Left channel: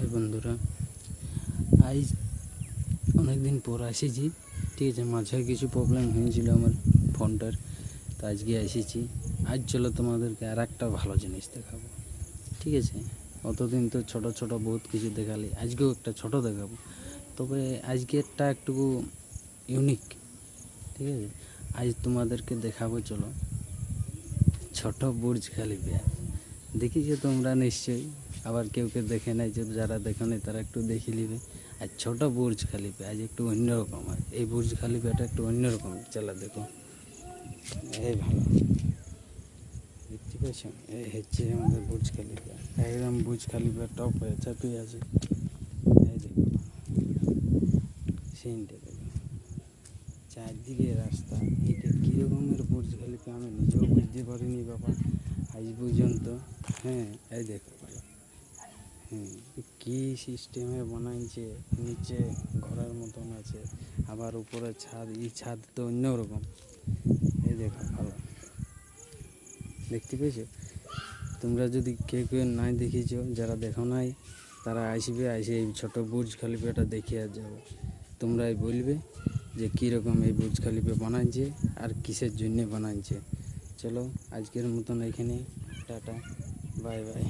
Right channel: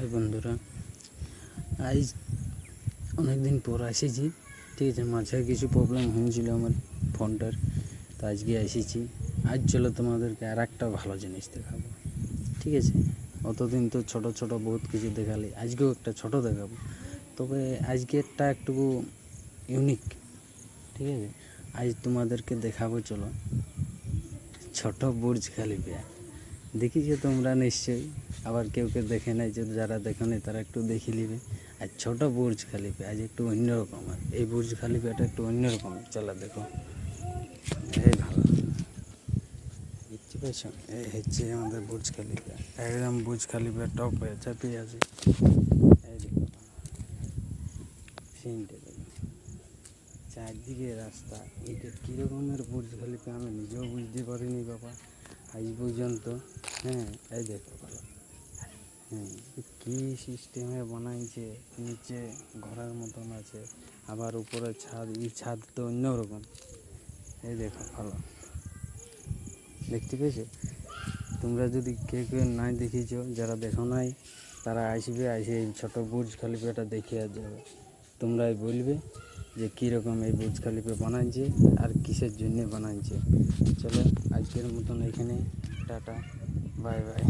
High বন্ধুরা, আজ অনেকদিন পর এসেছি। ঠিক আছে, মাঝে কিছু প্রবলেম হয়েছিল আমার ফোনটার, তো আজকে এসেছি। আজ চলো তোমাদেরকে আর একটা ভালো জিনিস দেখাবো। ঠিক আছে, অতদিন তো ছোট ছোট বহুত কিছু দেখালে, আজকেও একটা ছোট দেখাবো, তবে আজকে একটা একটু ইউনিক। ঠিক আছে, আজ তোমাদেরকে দেখাবো, চলো ছোট বুর্জ খলিফা। দেখিছো তোমরা নিশ্চয়ই, আবার কেউ কেউ দেখে নাই, যে যারা দেখো নাই তারা একটু দেখে নিবে। আর ছোট বুর্জ খলিফা আজ একটু অন্যরকম, আর এই বুর্জ খলিফাটা একটু অন্যরকম। চলো দেখো, এই ভালো দেখতে পাইছ, এই হচ্ছে আমাদের বুর্জ খলিফা। একদম বুর্জ খলিফা টপ হয়ে চাপিয়ে আছে। এই দেখো সিনটা দেখো, চারদিকে রাস্তা। এটা কীরকমের বুর্জ খলিফা আমি নিজেও বুঝতে পারিনি বাবা আজ পর্যন্ত। হ্যাঁ, এই দেখো ভালো, কী সিস্টেমে বানাইছে। নিচে ঘরের মতন আছে, আবার উপরে ছাদ। এই ছাদ তো অন্যরকম। এই দেখো ভালো, দেখতে পেয়েছো? তোমরা যদি কেউ কেউ নাই দেখিছো, যারা দেখো নাই তারা আসবে, এসে এই ছোটো বুর্জ খলিফাটা দেখে আর যাবে। তোমরাই বলবে যে কীরকম এই বুর্জ খলিফা বানাইছে আর কিসের জন্যে বানাইছে। চলো আজকের মতন এখানে টাটা, বাই বাই।